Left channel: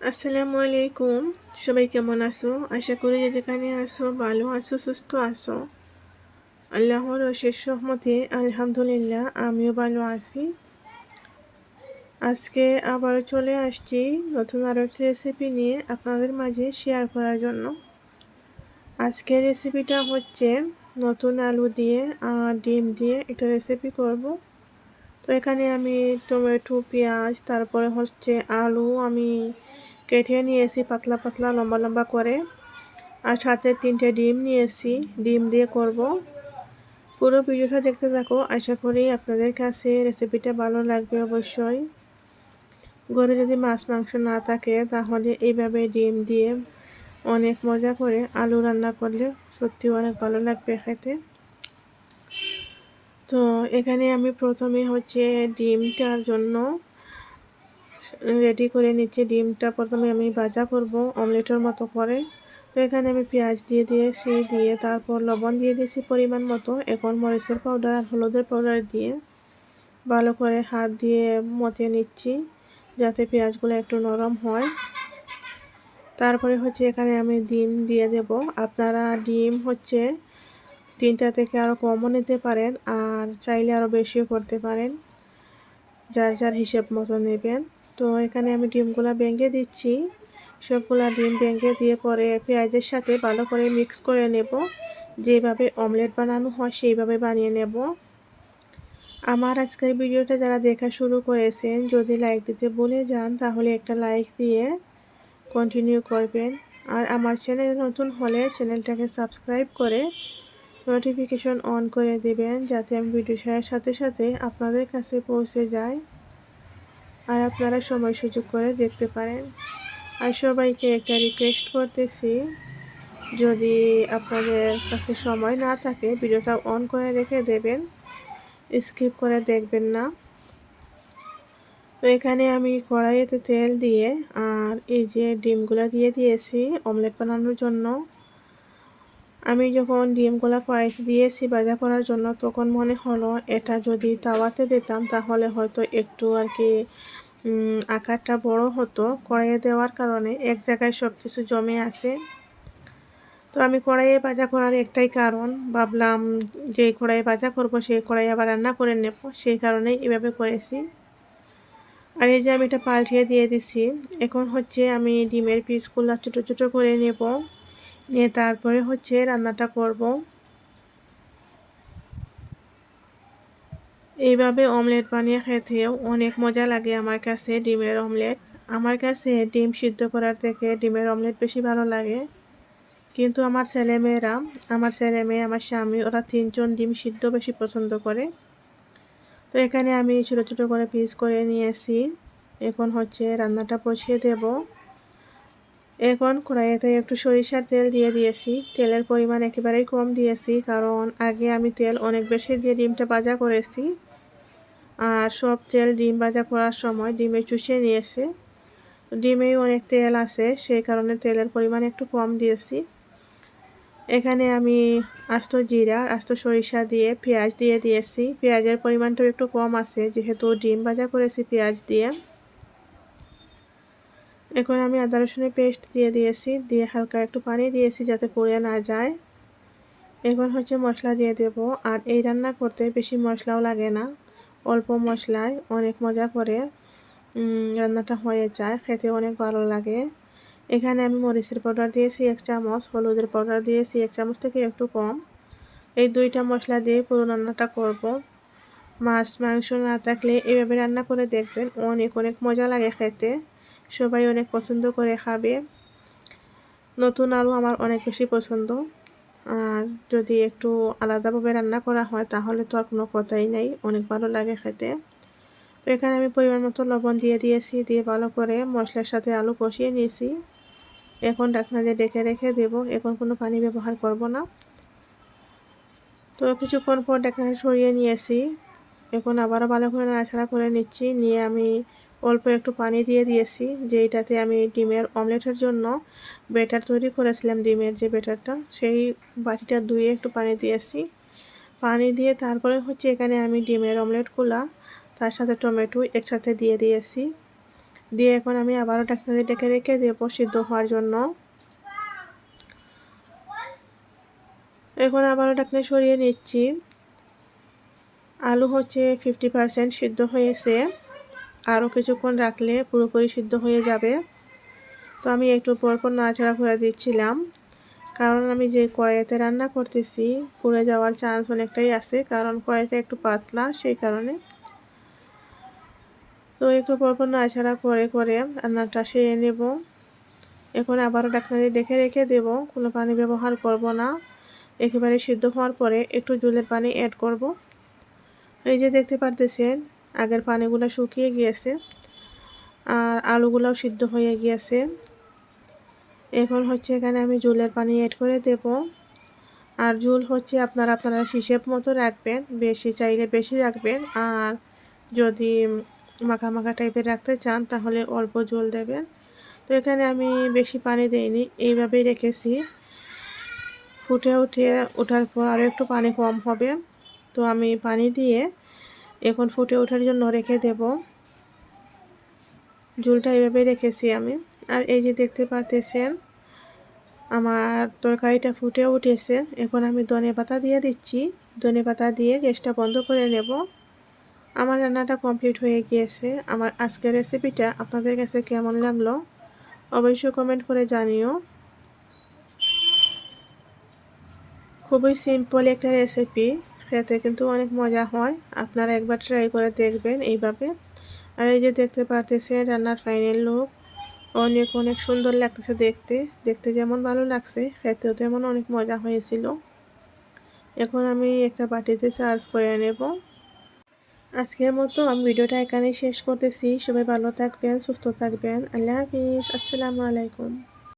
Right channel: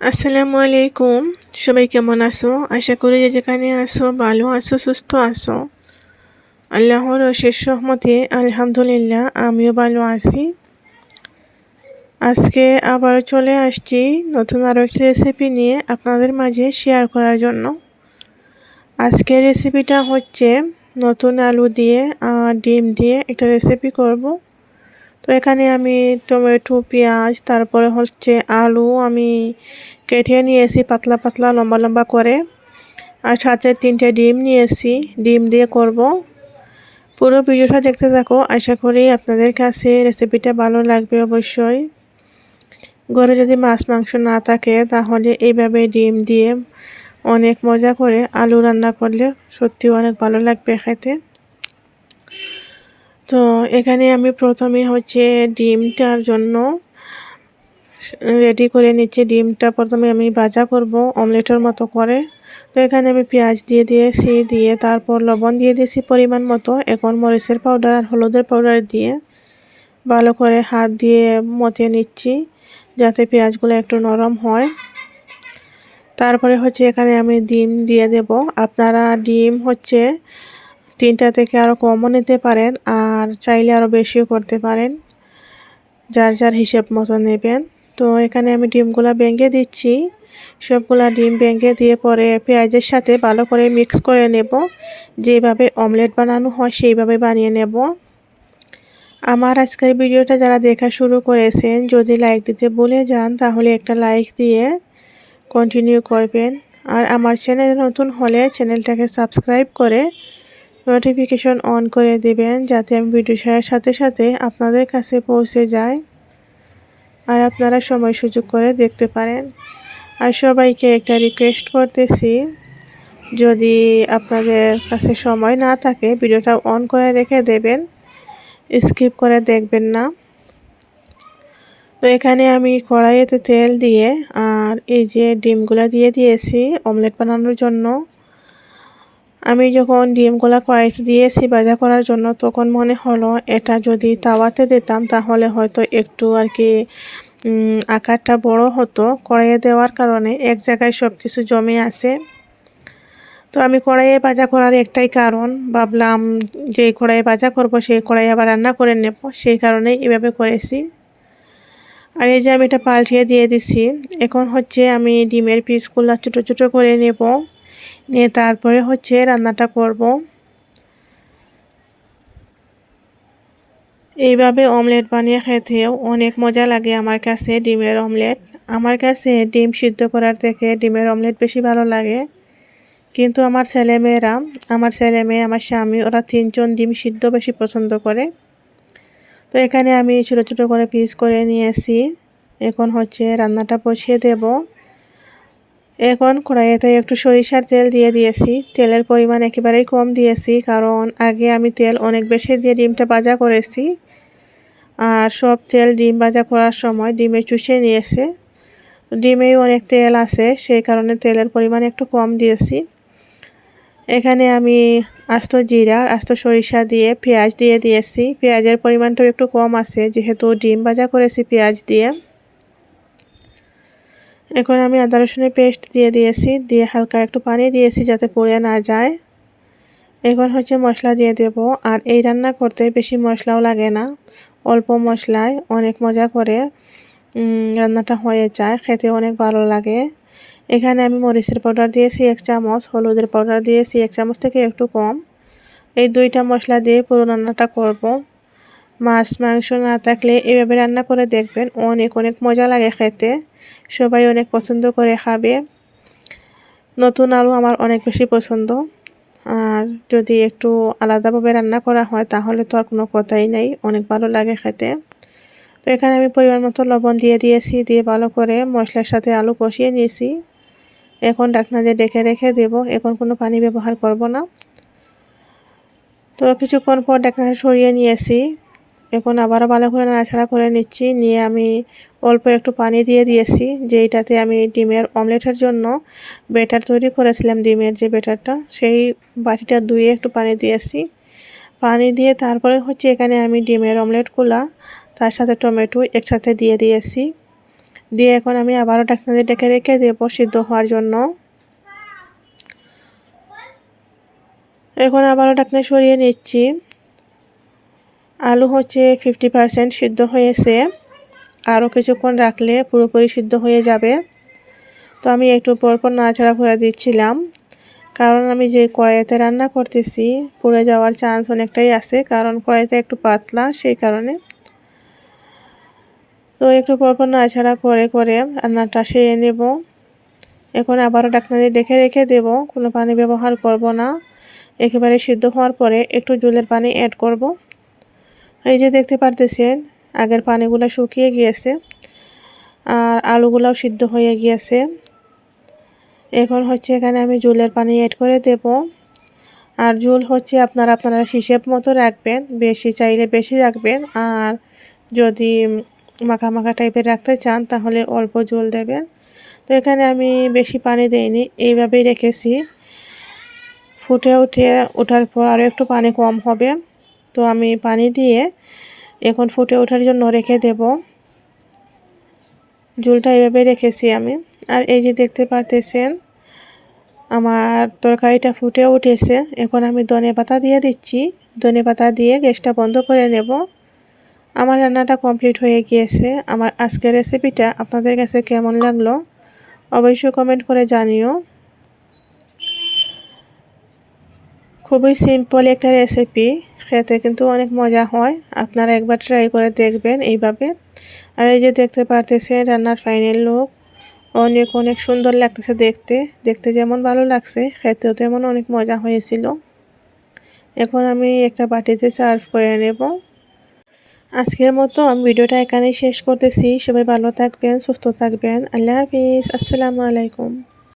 আসসালামু আলাইকুম সবাই কেমন আছো? আশা করি যে যেখানে আসো ভালো আছো, সুস্থ আছো। আল্লাহর অশেষ রহমতে, আলহামদুলিল্লাহ, আমিও ভালো আছি। আজকে আবার চলে আসছি নতুন আরও একটি রেসিপি নিয়ে আপনাদের মাঝে শেয়ার করার জন্য। আজকের রেসিপিটা হচ্ছে নতুন আলু দিয়ে ডিম দিয়ে একটা রেসিপি করব। তো এখানে আমি টমেটো, পেঁয়াজ, তারপরে হচ্ছে আলু আমি কেটে নিয়েছি পাতলা পাতলা, লম্বা লম্বা করে। আর সাথে তিনটে ডিম নিয়েছি, ডিম দিয়ে করব। পুরো ভিডিওটা দেখতে থাকো, আশা করি আপনাদের কাছে রেসিপিটা ভালো লাগবে অবশ্যই। ঘরে যদি মাছ, মাংস না থাকে, তাহলে এইভাবে ডিম দিয়ে অনেক মজা করে আলু রান্না করলে সত্যি অনেক ভালো লাগবে খেতে। তো এখানে আমি প্রথমে হচ্ছে ডিমটার জন্য রেডি করে নিচ্ছি। ডিমটা প্রথমে আমি ভাজা করব অমলেটের মতো করে। তো এখানে আমি পেঁয়াজ দিয়ে দিয়েছি, দিয়ে তারপর লবণ দিয়ে দিয়েছি পরিমাণ মতো। এখন মরিচের পাউডার আর হলুদের পাউডার দিয়ে ভালো করে হাত দিয়ে মতিয়ে নিচ্ছি যাতে পেঁয়াজগুলো একটু নরম হয়। তারপরে হচ্ছে এখানে আমি ডিম দিয়ে দেব। আপনারা ডিম হচ্ছে তিনটা থেকে আরও কমও নিতে পারেন, আর চাইলে আরও বেশিও করতে পারেন। যার যার হিসেব মতো নেবেন। তো এখানে আমি ডিমগুলো ভেঙে দিচ্ছি। সবগুলা ডিম ভেঙে দিয়ে পরে পেঁয়াজের সাথে ভালো করে মিক্স করে নেব। যেভাবে অমলেট বানানো হয় সেইভাবে বানিয়ে নেব। আমার আজকের ভিডিওটা যারা দেখা শুরু করেছেন, যদি লাইক দিতে ভুলে যান, তাহলে একটা লাইক দিয়ে কন্টিনিউ করবেন। আর আমার চ্যানেল নতুন হলে চ্যানেলটাকে সাবস্ক্রাইব করে নোটিফিকেশন অন করে দেবেন যাতে আমি ভিডিও ছাড়ার সাথে সাথে আপনাদের কাছে পৌঁছে যায় আর আপনারা সময় সুযোগ করে দেখতে পারেন। আর সবাইকে একটা রিকোয়েস্ট করতেছি, যদি আপনাদের কাছে সময় না থাকে ভিডিওটা অন করে রেখে দেবেন স্কিপ করে দেখবেন না। তো এখানে আমি কড়াইতে তেল দিয়ে আর এই যে ডিমগুলো দিয়ে দিয়েছি অমলেট বানানোর জন্য। আমি যখন ডিমগুলা কড়াইতে দিয়েছি ভাজা করার জন্য, তখন মনে হলো এটা যদি তাওয়াতে দিতাম, তাহলে হয়তো একটু আর কি আকারটা বড় হতো। কড়াইয়ে দেওয়ার কারণে এক জায়গায় সব কিছু জমে আছে। তো আমি কড়াইয়ে ভাজা করার একটাই কারণ, ভাবলাম যে কড়াইয়ে ভাজা করব সেই কড়াই আবার রান্না করে নেব। সেই কারণেই এভাবে করেছি। আর এই যে আমি এটা পাল্টিয়ে দিয়ে দিছি, এখন হচ্ছে আমি ডিমের পিসগুলো ছোটো ছোটো করে নেব। নিয়ে তারপরে হচ্ছে রান্নাটা করব। এইভাবে অমলেট বানিয়ে খেতেও অনেক মজা লাগে আমার কাছে ডিমের অমলেট। আমার কাছে ডিম সিদ্ধ করার থেকে ডিমের অমলেট বেশি ভালো লাগে। কিন্তু আমার ছেলেমেয়েরা আমার ছেলে মেয়ে, আমার স্বামী, ওরা তিনজন ডিম সিদ্ধ বেশি পছন্দ করে। তো এখানে আমি ছোটো ছোটো করে পিস করে নিয়েছি। এখন হচ্ছে রান্নাটা বসিয়ে দেব। এখন কড়াইতে একটু সরিষার তেল দিয়ে দিয়েছি। তেলের পরিমাণ একেবারেই কম দিয়েছি, কারণ আগে আমি তেল অনেক বেশি দিয়ে ডিমটা ভাজা করেছি। আর সব তেল ডিম ভাজা করার সময় ডিমে চুষে নিয়েছে। ডিমেই অনেক তেল আছে, সেই কারণে তেলের পরিমাণ একটু কম দিয়েছি। এখানে আমি আস্ত জিরা আস্ত সরিষা দিয়ে পেঁয়াজ দিয়ে দিয়েছি। পেঁয়াজের পরিমাণটাও একটু কম আছে, যেহেতু ডিম ভাজা করেছি পেঁয়াজ দিয়ে। এখন আমি আদা রসুনের পেস্ট দিয়ে দিয়েছি, দিয়ে হালকা একটু পানি দিয়েছি যাতে পড়ে না যায়। এখন হচ্ছে মশলা দিয়ে দেব, আর এই রান্না করতে বেশি মশলাও লাগে না, অল্প মশলায় অনেক মজা করে রান্নাটা হয়ে যায়, খেতে অনেক ভালো লাগে। এখানে আমি মরিচের পাউডার দিয়েছি এক চামচ, হলুদের পাউডার দিয়েছি এক চামচ থেকে একটু কম। এই দুইটা মশলা দিয়ে পুরো রান্নাটা করব। মাছ, মাংস না থাকলে এভাবে রান্না করে দেখবেন অনেক অনেক মজা লাগে খেতে। সবাই অনেক পছন্দ করে খাবে। নতুন আলু আমার অনেক বেশি পছন্দ। আর যদি একটু আলাদাভাবে রান্না করা হয়, তাহলে তো আর কোনো কথাই নেই, অনেক ভালো লাগে খেতে। তো এখানে আমি পরিমাণ মতো লবণ দিয়ে দিয়েছি, দিয়ে ভালো করে মশলার সাথে আলু কষিয়ে নিয়েছি। এখন ডাকনা দিয়ে ডেকে রেখে দেব, এখন কোনো পানি ব্যবহার করব না। তো কিছুক্ষণ পর ডাকনা সরিয়ে নিয়েছি। এখন আবারও ভালো করে নাড়াছাড়া করে নিচ্ছি। নিয়ে আমি অল্প একটু পানি দিয়ে দিয়েছি যেইটাতে আমি ডিমের অমলেটের জন্য বেটার তৈরি করেছিলাম, ডিমের যে বেটারটা সেই বাটিটা ধুয়ে একটু পানি দিয়েছি। পানি দিয়ে তারপরে হচ্ছে এখানে আমি ডিমের অমলেটগুলা, তার সাথে টমেটো একসাথে দিয়ে দিয়েছি। দিয়ে এখন আমি আবারও ঢাকনা দিয়ে ডেকে রেখে দেবো সিদ্ধ হওয়ার জন্য। এখন আবারও ঢাকনা সরিয়ে নিচ্ছি। আলু হচ্ছে ফিফটি পারসেন্ট সিদ্ধ হয়েছে। আরও কিছুক্ষণ রাখলে পুরোপুরি সিদ্ধ হয়ে যাবে। তো আমি একটু পরপর নাড়াচাড়া করে দিচ্ছিলাম। কারণ আমি যে কড়াইতে রান্না করতেছি, পুড়ে যাওয়ার চান্স অনেকটাই আছে। কারণ কড়াইতে একটু পাতলা, সেই কারণে। তো একটু পরপর নাড়াচাড়া করে করে রান্নাটা সেরে নেব। এখন আবারও ডাকনা দিয়ে ডেকে রেখে দেব। কোনো পানি ব্যবহার করব না। একেবারে সিদ্ধ হওয়ার পরে একটু জলের পানি অ্যাড করব। এই যে দেখতে পারতেছেন, আগের পানিগুলো শুকিয়ে গিয়েছে আর আলুগুলাও সিদ্ধ হয়ে গিয়েছে। এখন হচ্ছে এখানে আমি জুলের পানি অ্যাড করে দেব। আর জুল হচ্ছে আপনারা আপনারা হিসেব মতো রাখবেন, বেশি চাইলে বেশি রাখবেন। আর যদি মাখা মাখা টাইপের রাখতে চান তাহলে অল্প জল দেবেন। তো এখানে আমি বেশি পানি দেইনি, এইভাবেই রেখেছি। ফুটে উঠে ওঠার পর আরও একটু পানি কম হবে। তো আমি পানি দিয়ে এখন ফুটে ওঠার জন্য রেখে দেব। ঝুলটা এভাবে রেখেছি আমি। আর এই যে দেখতে পারতেছেন, আমার তরকারিটা ফুটে উঠেছে। এখন আমি ধনে পাতা দিয়ে দিচ্ছি। ধনে পাতা দিয়ে গ্যাসটা বন্ধ করে নেব। আমার রান্নাটা কমপ্লিট হয়ে গিয়েছে। আমার আজকের রেসিপিটা আপনাদের কাছে কেমন লাগল অবশ্যই কমেন্ট করে জানিও। খুবই সিম্পল একটা রেসিপি। খেতে কিন্তু অনেক মজা হয়। আপনারা একবার ট্রাই করে দেখবেন এইভাবে। আর এই যে দেখতে পারতেছেন রান্নার ফাইনাল লুক অনেক অনেক সুন্দর লাগতেছে দেখতে। দেখতে যেমন ভালো লাগছে, খেতেও তেমন অনেক মজা হয়েছিল। এখন আমি একটা বাটিতে সার্ভ করে নেব। আজকের মতো আমি ভিডিওটা এখানেই শেষ করতেছি। সবাই ভালো থাকবেন, সুস্থ থাকবেন। আল্লাহ হাফিজ। আসসালামু আলাইকুম।